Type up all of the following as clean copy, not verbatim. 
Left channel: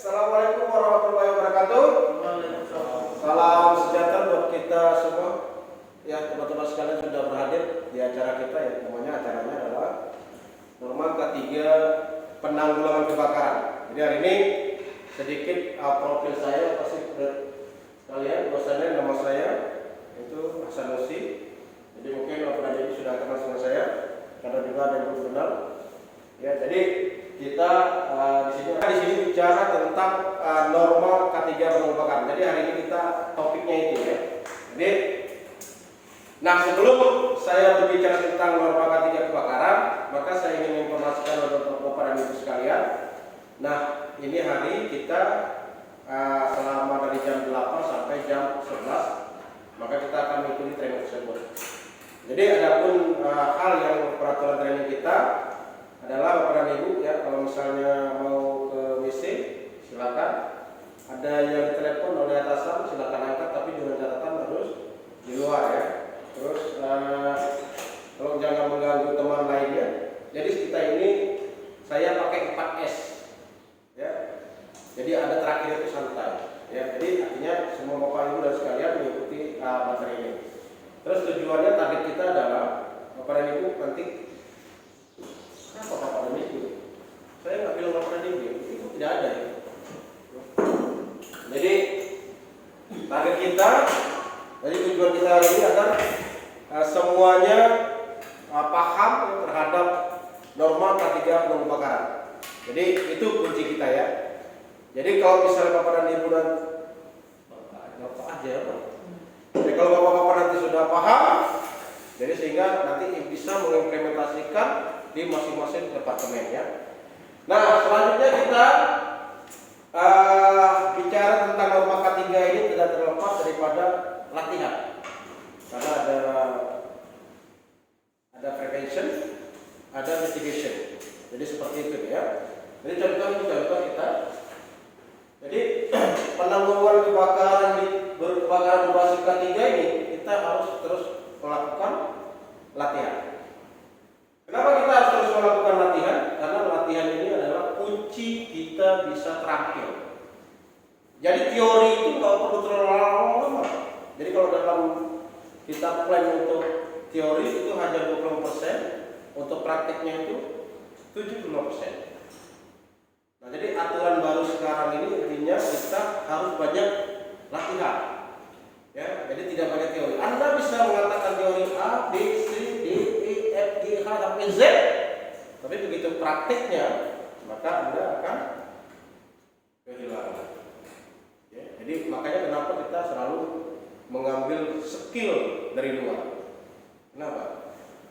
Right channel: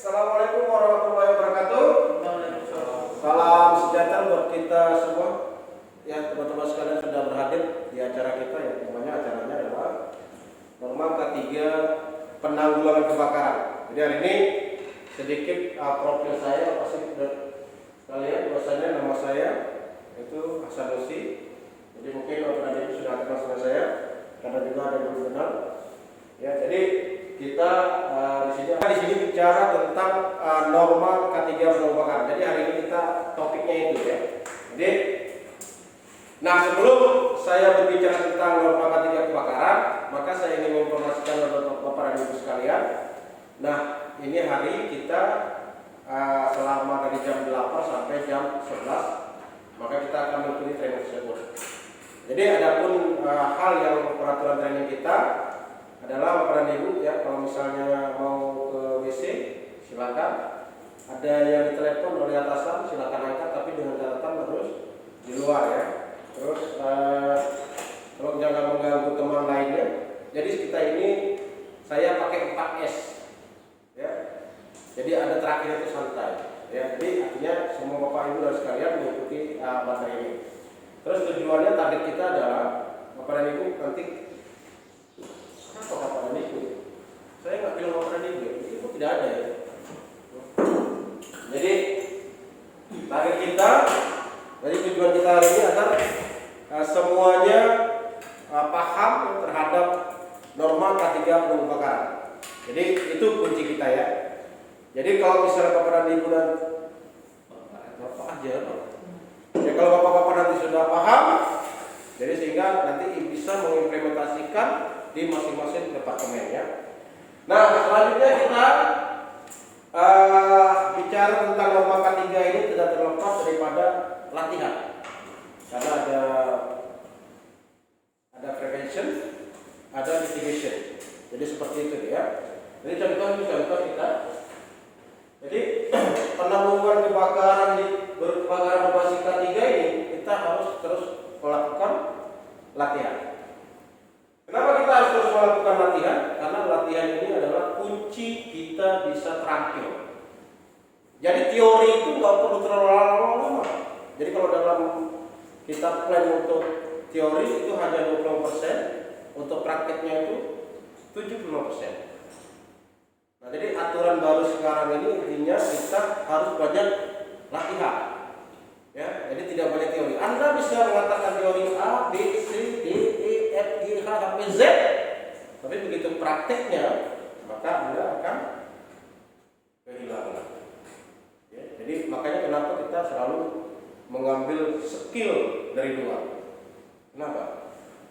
Assalamualaikum warahmatullahi wabarakatuh. Salam sejahtera buat kita semua. Ya, teman-teman sekalian sudah berhadir di acara kita ya. Namanya acaranya adalah Norma K3 Penanggulangan Kebakaran. Jadi hari ini sedikit profil saya pasti kalian bahwasanya nama saya itu Hasan Nusi. Jadi mungkin beberapa ibu sudah kenal sama saya karena juga ada yang belum kenal. Ya, jadi kita di sini bicara tentang norma K3 penanggulangan kebakaran. Jadi hari ini kita topiknya itu ya. Jadi, nah sebelum saya berbicara tentang norma K3 kebakaran, maka saya ingin menginformasikan untuk Bapak dan Ibu sekalian. Nah, ini hari kita selama dari jam 8 sampai jam 11, maka kita akan mengikuti training tersebut. Jadi adapun hal yang peraturan training kita adalah Bapak dan Ibu ya, kalau misalnya mau ke WC silakan. Ada yang ditelepon oleh atasan silakan angkat, tapi dengan catatan harus di luar ya. Terus tolong jangan mengganggu teman lainnya. Jadi kita ini saya pakai 4S ya. Jadi ada terakhir itu santai ya. Jadi artinya semua Bapak Ibu dan sekalian mengikuti materi ini. Terus tujuannya target kita adalah Bapak dan Ibu nanti apa Bapak dan Ibu? Saya nggak bilang Bapak dan Ibu, itu tidak ada ya. Jadi target kita, jadi tujuan kita hari ini agar semuanya paham terhadap norma K3 penanggulangan kebakaran. Jadi itu kunci kita ya. Jadi kalau misalnya Bapak dan Ibu dan Bapak aja, jadi kalau Bapak-bapak nanti sudah paham, jadi sehingga nanti bisa mengimplementasikan di masing-masing departemen ya. Nah selanjutnya kita bicara tentang norma K3 ini tidak terlepas daripada latihan, karena ada prevention, ada mitigation. Jadi seperti itu ya. Jadi contoh kita. Jadi penanggulangan kebakaran berbasis K3 ini kita harus terus melakukan latihan. Kenapa kita harus terus melakukan latihan? Karena latihan ini adalah kunci kita bisa terampil. Jadi teori itu nggak perlu terlalu lama. Jadi kalau dalam kita plan untuk teori itu hanya 20%, untuk praktiknya itu 75%. Nah, jadi aturan baru sekarang ini intinya kita harus banyak latihan. Ya, jadi tidak banyak teori. Anda bisa mengatakan teori A, B, C, D, E, F, G, H, sampai Z, tapi begitu prakteknya maka Anda akan kehilangan. Ya, jadi makanya kenapa kita selalu mengambil skill dari luar. Kenapa?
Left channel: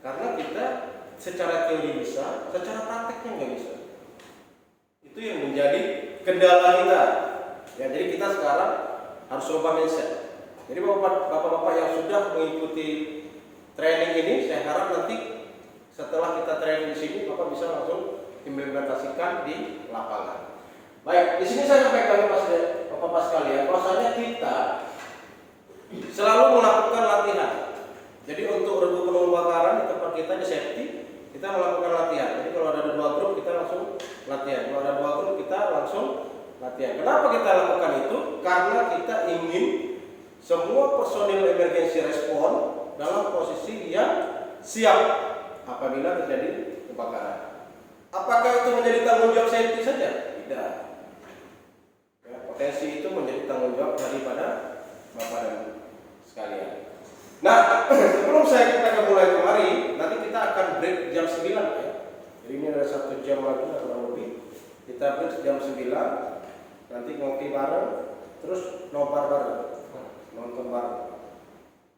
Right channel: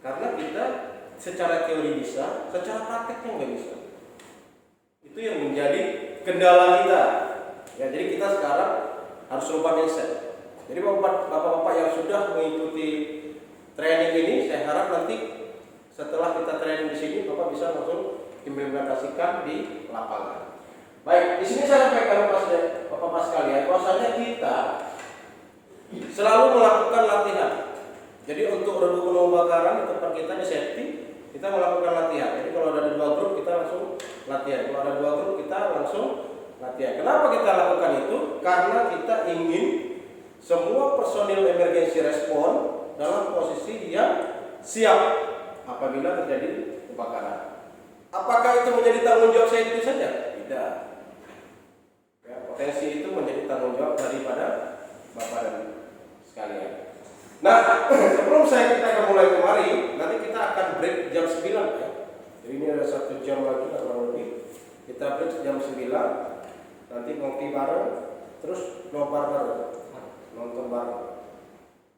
Karena kita secara teori bisa, secara prakteknya nggak bisa. Itu yang menjadi kendala kita. Ya, jadi kita sekarang harus coba mindset. Jadi bapak-bapak yang sudah mengikuti training ini, saya harap nanti setelah kita training di sini, bapak bisa langsung implementasikan di lapangan. Baik, di sini saya sampaikan bapak-bapak sekalian, bahwasanya kita selalu melakukan latihan. Jadi untuk regu penanggulangan kebakaran di tempat kita di safety, kita melakukan latihan. Jadi kalau ada 2 grup kita langsung latihan. Kalau ada 2 grup kita langsung latihan. Kenapa kita lakukan itu? Karena kita ingin semua personil emergency respon dalam posisi yang siap apabila terjadi kebakaran. Apakah itu menjadi tanggung jawab saya itu saja? Tidak. Ya, potensi itu menjadi tanggung jawab daripada Bapak dan Ibu sekalian. Nah, sebelum kita mulai kemari, nanti kita akan break jam 9 ya. Jadi ini ada 1 jam lagi kurang lebih. Kita break jam 9, nanti ngopi bareng, terus nobar bareng, nonton bareng.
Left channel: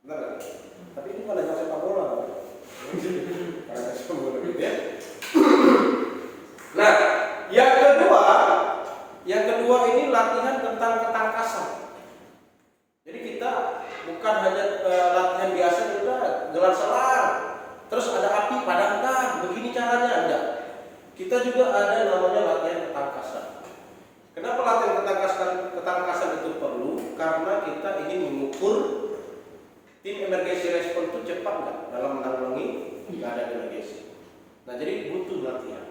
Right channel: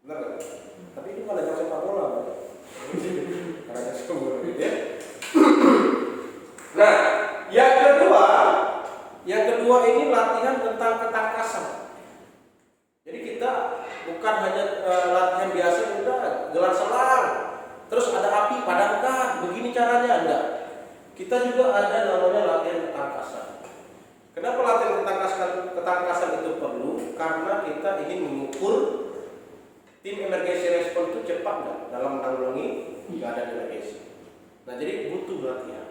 Benar kan? Tapi ini malah yang sepak bola kan? Karena sepak bola ya. Nah, yang kedua ini latihan tentang ketangkasan. Jadi kita bukan hanya latihan biasa, kita gelar selang, terus ada api padamkan, begini caranya enggak. Kita juga ada namanya latihan ketangkasan. Kenapa latihan ketangkasan itu perlu? Karena kita ingin mengukur tim emergency response itu cepat nggak dalam menanggulangi keadaan emergency. Nah, jadi butuh latihan.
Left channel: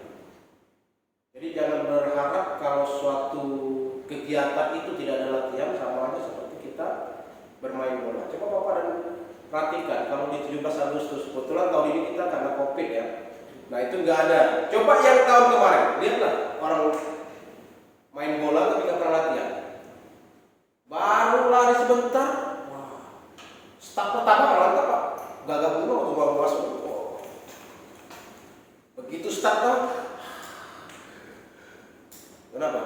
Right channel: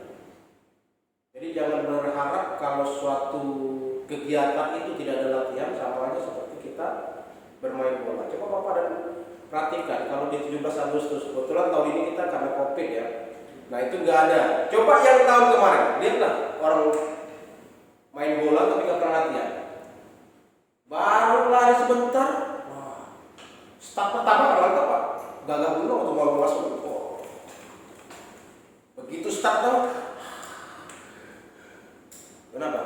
Jadi jangan berharap kalau suatu kegiatan itu tidak ada latihan, sama aja seperti kita bermain bola. Coba Bapak dan perhatikan kalau di 17 Agustus, kebetulan tahun ini kita karena COVID ya. Nah itu nggak ada. Coba yang tahun kemarin, lihatlah orang main bola tapi nggak pernah latihan. Baru lari sebentar, wah, start pertama mantap Pak, gagah bunuh untuk bawa masuk. Oh. Begitu start dong. Kenapa?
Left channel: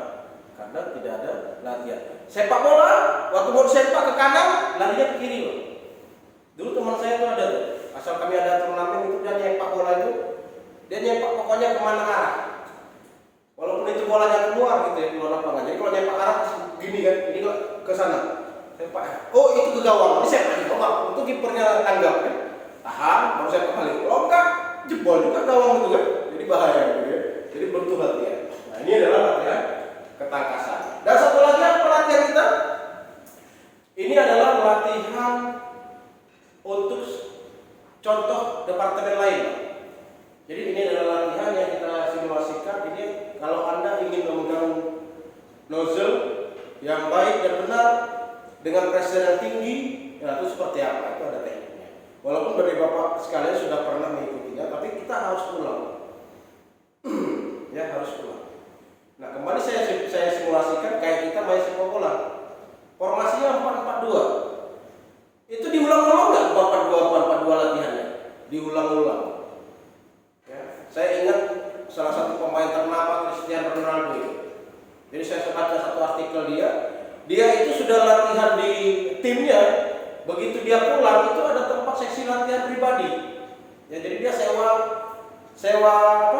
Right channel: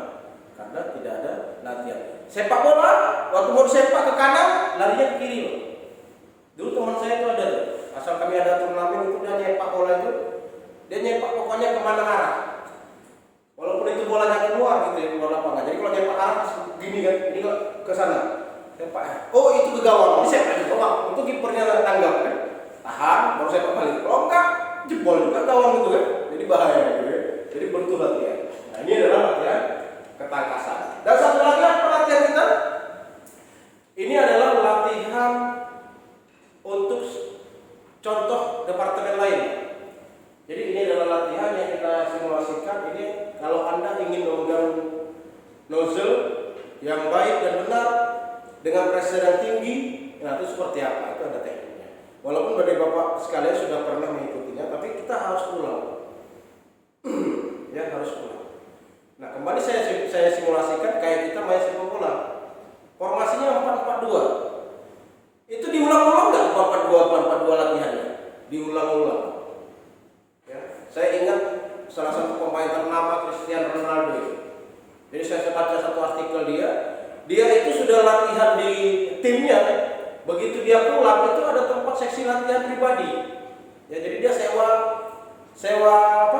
Karena tidak ada latihan. Sepak bola, waktu mau sepak ke kanan, larinya ke kiri loh. Dulu teman saya tuh ada tuh, asal kami ada turnamen itu dia nyepak bola itu, dia nyepak pokoknya kemana arah. Walaupun itu bolanya keluar gitu ya, keluar lapangan. Jadi kalau nyepak arah gini kan, ini ke sana. Sepak, oh itu ke gawang, ini sepak di gawang. Untuk kipernya tanggap kan, tahan, baru sepak balik. Kalau enggak, jebol juga gawang itu kan, jadi bahaya gitu ya. Jadi bentuk latihan. Nah ini adalah latihan ketangkasan. Dan satu lagi apa latihan kita? Ini adalah latihan untuk contoh departemen lain. Jadi ini adalah latihan yang kita simulasikan. Ini kalau Anda ingin menggunakan nozzle yang baik dan benar dengan pressure yang tinggi, nah itu seperti apa? Itu ada tekniknya. Walaupun dari Bapak sekalian sudah pernah mengikutinya, tapi kita harus ulang. Ya harus ulang. Nah kembali saya simulasikan kayak kita main sepak bola. Formasinya 4-4-2. Itu diulang-ulang nggak 4-4-2 latihannya? Diulang-ulang. Ya, saya ingat salah satu pemain ternama Cristiano Ronaldo. Jadi saya baca satu artikel dia itu sudah latihan di timnya. Begitu dia pulang itu ada tempat seksi latihan pribadi. Ya, jadi dia sewa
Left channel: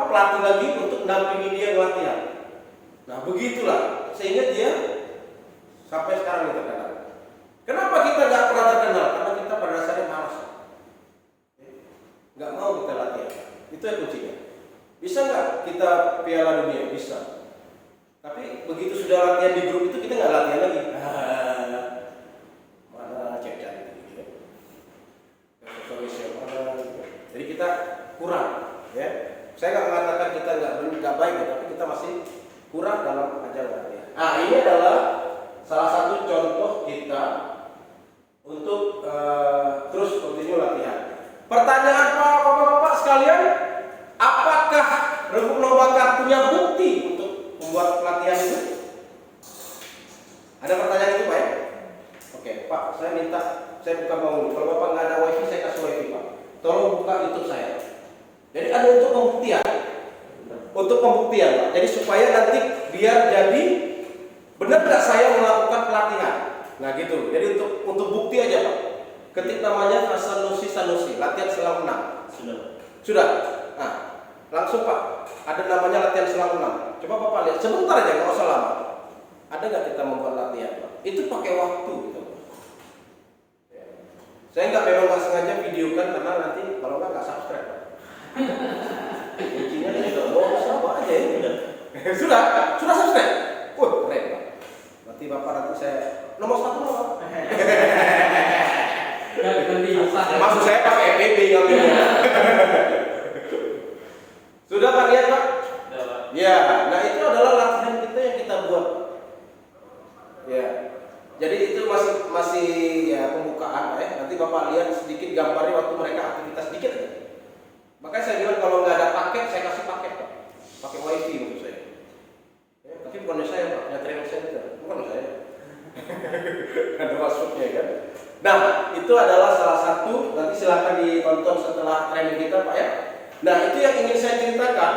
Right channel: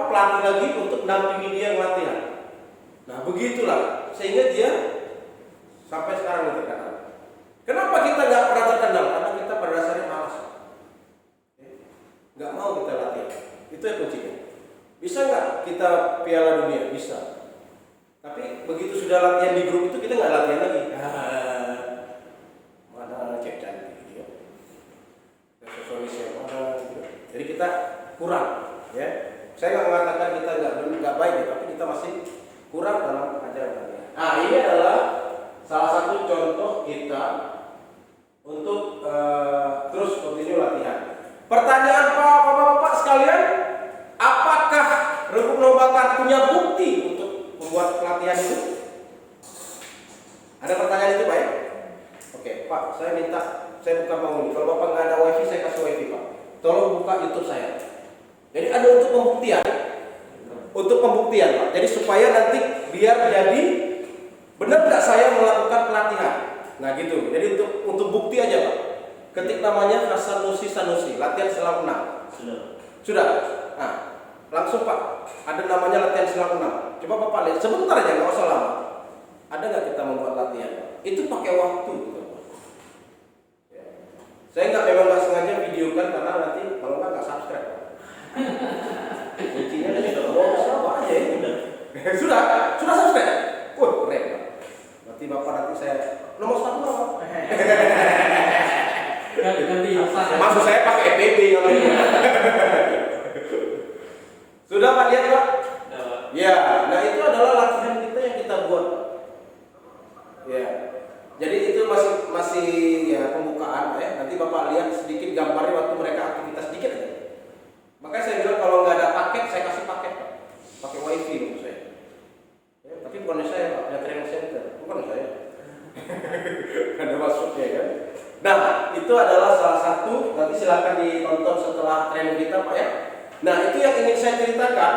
pelatih lagi untuk mendampingi dia latihan. Nah begitulah sehingga dia sampai sekarang terkenal. Kenapa kita nggak pernah terkenal? Karena kita pada dasarnya malas, nggak mau kita latihan. Itu yang kuncinya. Bisa nggak kita Piala Dunia? Bisa. Tapi begitu sudah latihan di grup itu kita nggak latihan lagi. Mana cek cantik gitu ya. Mana? Jadi kita kurang, ya. Saya nggak mengatakan kita nggak baik ya, tapi kita masih kurang dalam ajaran ya. Nah ini adalah salah satu contoh kita untuk terus continue latihan. Pertanyaan Bapak sekalian, apakah Rembuk Bakar punya bukti untuk membuat pelatihan itu? Ada pertanyaan itu Pak ya? Oke Pak, saya minta, saya bukan penghuni. Kalau Bapak nggak ada wifi, saya kasih wifi Pak. Tolong buka YouTube saya. Jadi ada untuk pembuktian. Untuk pembuktian Pak. Jadi supaya nanti biar jadi benar nggak saya melakukan pelatihan. Nah gitu. Jadi untuk bukti aja Pak. Ketik namanya Sanusi, latihan selang 6. Sudah. Nah, langsung Pak. Ada namanya latihan selang 6. Coba Bapak lihat. Sebentar aja, nggak usah lama. Ada nggak kita membuat latihan Pak? Itu pakai waktu gitu Pak. Ya. Saya memang sengaja videokan karena nanti kalau nggak subscribe Pak. Kuncinya dari bonus apa aja ini. Sudah subscribe. Keren Pak. Berarti Bapak nanti saya nomor 1 apa? Maksud saya pakai FBB yang ini. Sudah Pak lihat Pak? Ya, nah itu adalah latihan kita yang kita buat Pak. Ya. Jadi itu masih ya pembukaan ya. Nanti Bapak lihat sedikit gambarnya waktu mereka aktivitas sedikit aja. Makanya saya bilang kalau nggak ada paket, saya kasih paket Pak. Pakai wifi menurut saya. Ya, tapi bukan saya Pak, punya training center, bukan saya. Ada maksudnya kan. Nah, itu adalah salah satu. Nanti silakan ditonton setelah training kita Pak ya. Nah, itu yang ingin saya ceritakan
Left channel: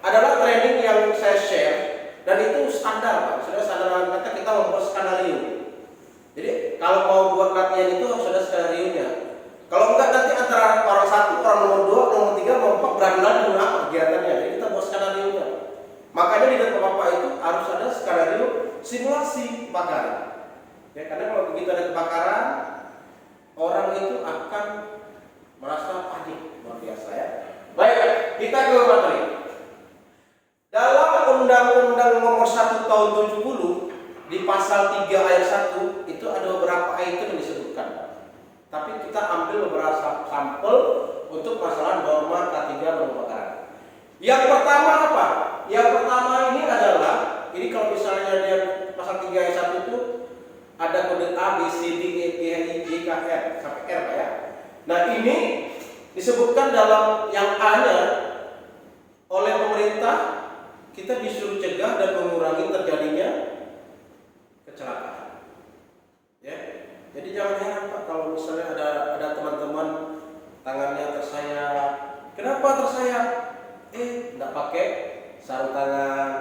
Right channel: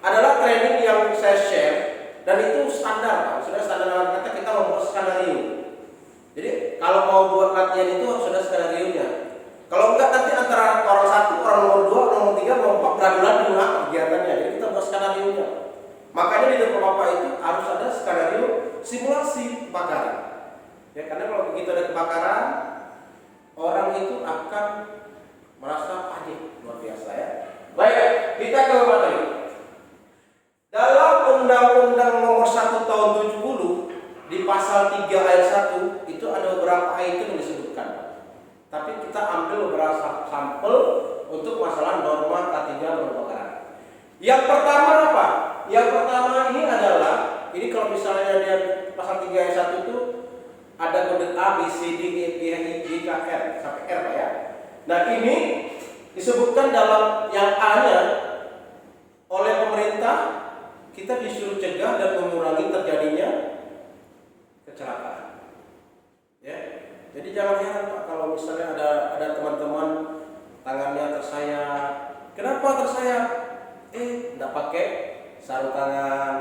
adalah training yang saya share dan itu standar Pak. Sudah standar kata kita membuat skenario. Jadi kalau mau buat latihan itu sudah skenario nya. Kalau enggak nanti antara orang 1, orang nomor 2, nomor 3, nomor 4 beradu-adu apa kegiatannya. Jadi kita buat skenario nya. Makanya di depan Bapak itu harus ada skenario simulasi kebakaran. Ya, karena kalau begitu ada kebakaran, orang itu akan merasa panik luar biasa ya. Baik, kita ke materi. Dalam Undang-Undang Nomor 1 Tahun 70 di pasal 3 ayat 1 itu ada beberapa item yang disebutkan. Tapi kita ambil beberapa sampel untuk masalah norma K3 kebakaran. Yang pertama apa? Yang pertama ini adalah, ini kalau misalnya dia pasal 3 ayat 1 itu ada kode A, B, C, D, E, F, G, K, R sampai R Pak ya. Nah ini disebutkan dalam yang A-nya oleh pemerintah kita disuruh cegah dan mengurangi terjadinya kecelakaan. Ya, jadi jangan heran Pak kalau misalnya ada teman-teman tangannya tersayat. Kenapa tersayat? Tidak pakai sarung tangan.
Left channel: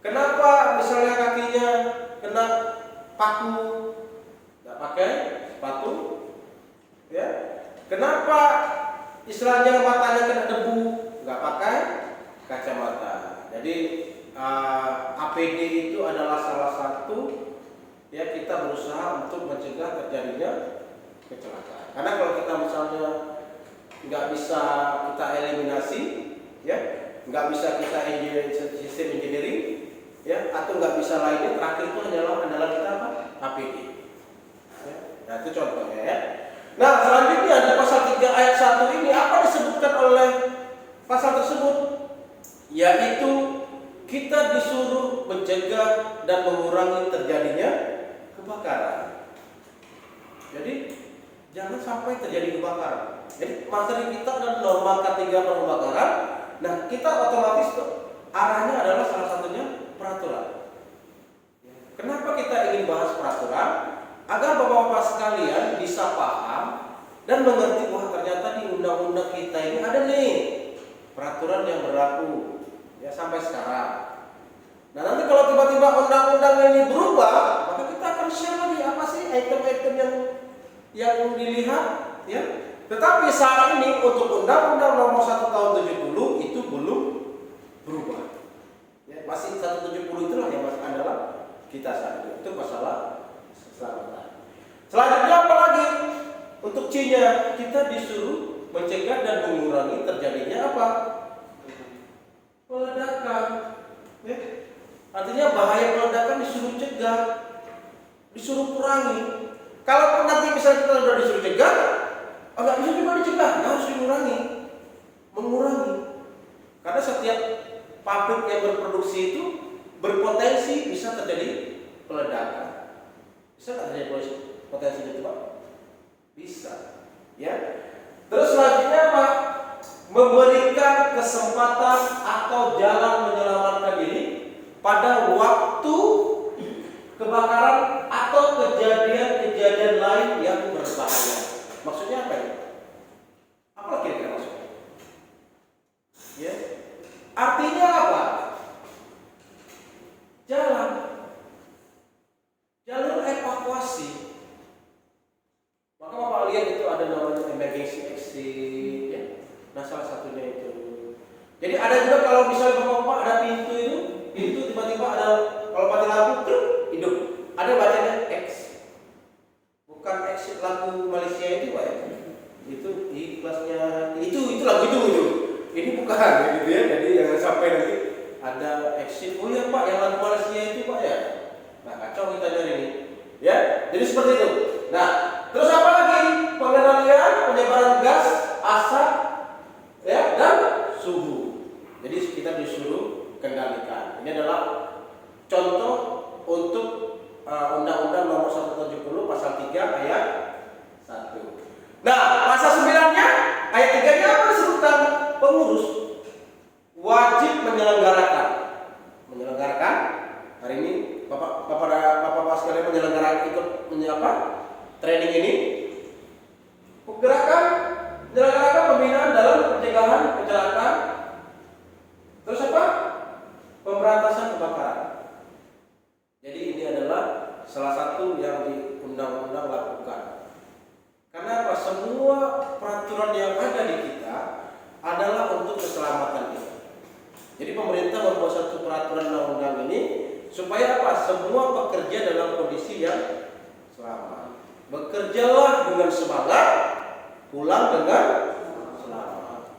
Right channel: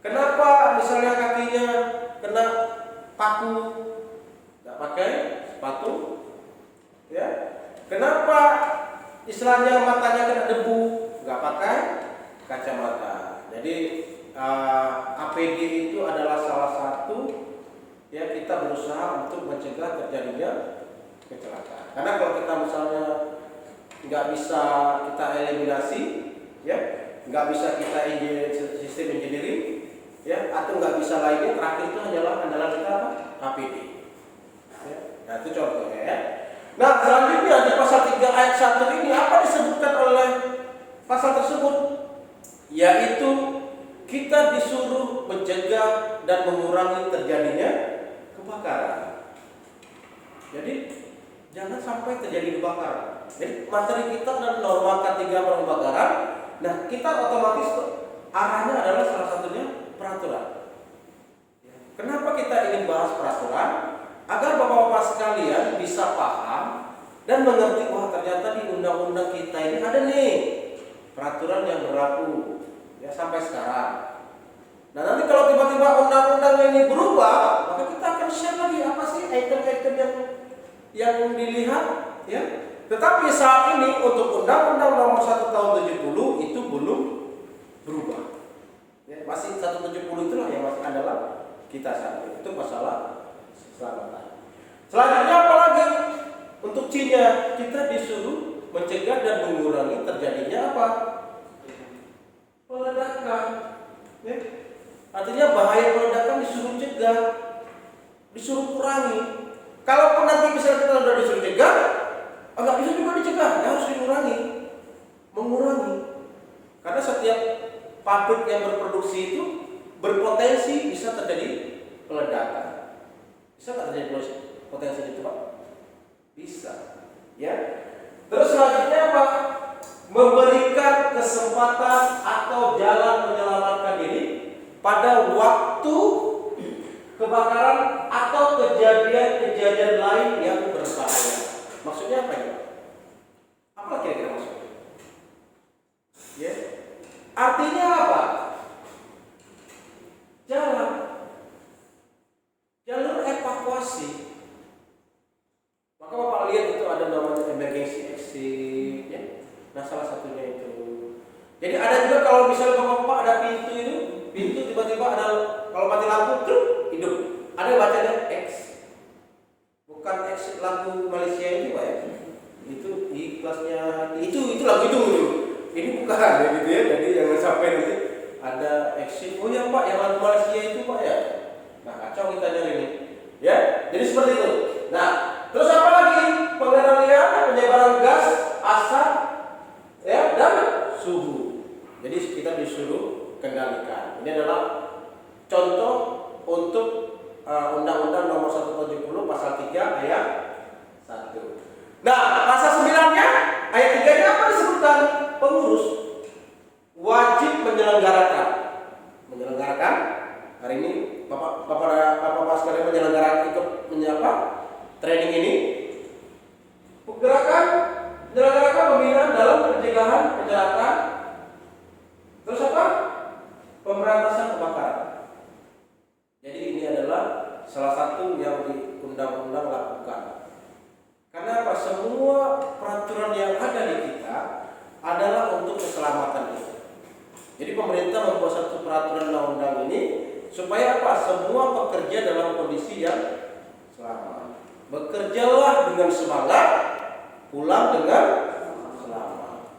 Kenapa misalnya kakinya kena paku, tidak pakai sepatu? Ya, kenapa istilahnya matanya kena debu, nggak pakai kacamata? Jadi APD itu adalah salah satu ya kita berusaha untuk mencegah terjadinya kecelakaan. Karena kalau kita misalnya nggak bisa kita eliminasi, ya nggak bisa kita sistem engineering, ya atau nggak bisa lainnya, terakhir itu adalah kita apa? APD. Ya, nah itu contohnya ya. Nah selanjutnya di pasal 3 ayat 1 ini apa disebutkan oleh pasal tersebut? Yaitu kita disuruh mencegah dan mengurangi terjadinya kebakaran. Jadi jangan sampai terjadi kebakaran. Jadi materi kita adalah norma K3 kebakaran. Nah kita otomatis arahnya adalah salah satunya peraturan. Kenapa kita ingin bahas peraturan? Agar bapak-bapak sekalian bisa paham dan mengerti bahwa ternyata di undang-undang kita ini ada nih peraturan yang berlaku ya sampai sekarang. Nah nanti kalau tiba-tiba undang-undang ini berubah, maka kita akan share lagi apa sih item-item yang dilihat ya. Tetapi saat ini untuk undang-undang nomor 1 tahun 70 itu belum berubah. Ya, masih 170 itulah yang masih adalah kita saat ini. Itu masalah keselamatan. Selanjutnya apa lagi? Untuk C-nya kita disuruh mencegah dan mengurangi terjadinya apa? Peledakan. Ya. Artinya bahaya peledakan disuruh cegah, disuruh kurangi. Kalaupun nanti misalnya kita sudah disuruh cegah, nggak bisa juga dicegah, harus mengurangi. Karena setiap pabrik yang berproduksi itu berpotensi bisa terjadi peledakan. Bisa nggak terjadi potensi itu Pak? Bisa. Ya. Terus selanjutnya apa? Memberikan kesempatan atau jalan menyelamatkan diri pada waktu kebakaran atau kejadian-kejadian lain yang berbahaya. Maksudnya apa ya? Apa kira-kira maksudnya? Ya. Artinya apa? Jalur evakuasi. Maka Bapak lihat itu ada namanya emergency exit ya. Nah salah satunya itu. Jadi ada juga kalau misalnya Bapak ada pintu tiba-tiba ada kalau mati lampu hidup. Ada yang bacanya X. Bukan exit lagu Malaysia itu Pak ya. Itu ikhlasnya itu lagu itu. Ini bukan gitu ya. Jadi jangan sampai nanti ada exit. Oh ya Pak, yang lagu Malaysia itu Pak ya. Nah kacau kita nyari ini. Ya, jadi seperti itu. Nah, terus apa lagi? Pengendalian penyebaran gas, asap, ya dan suhu. Jadi kita disuruh kendalikan. Ini adalah contoh untuk Undang-Undang Nomor 170 Pasal 3 Ayat 1. Nah, pasal 9-nya ayat 3-nya apa disebutkan? Pengurus wajib menyelenggarakan. Hari ini Bapak sekalian menyelenggarakan ikut menyapa training ini. Menyelenggarakan pembinaan dalam pencegahan kecelakaan. Terus apa? Pemberantasan kebakaran. Jadi ini adalah salah satu yang di undang-undang lakukan. Karena apa? Semua peraturan yang ada di kita adalah untuk keselamatan kita. Jadi pemerintah membuat satu peraturan undang-undang ini supaya apa? Semua pekerja dalam kondisi yang selamat. Bekerjalah dengan semangat, pulang dengan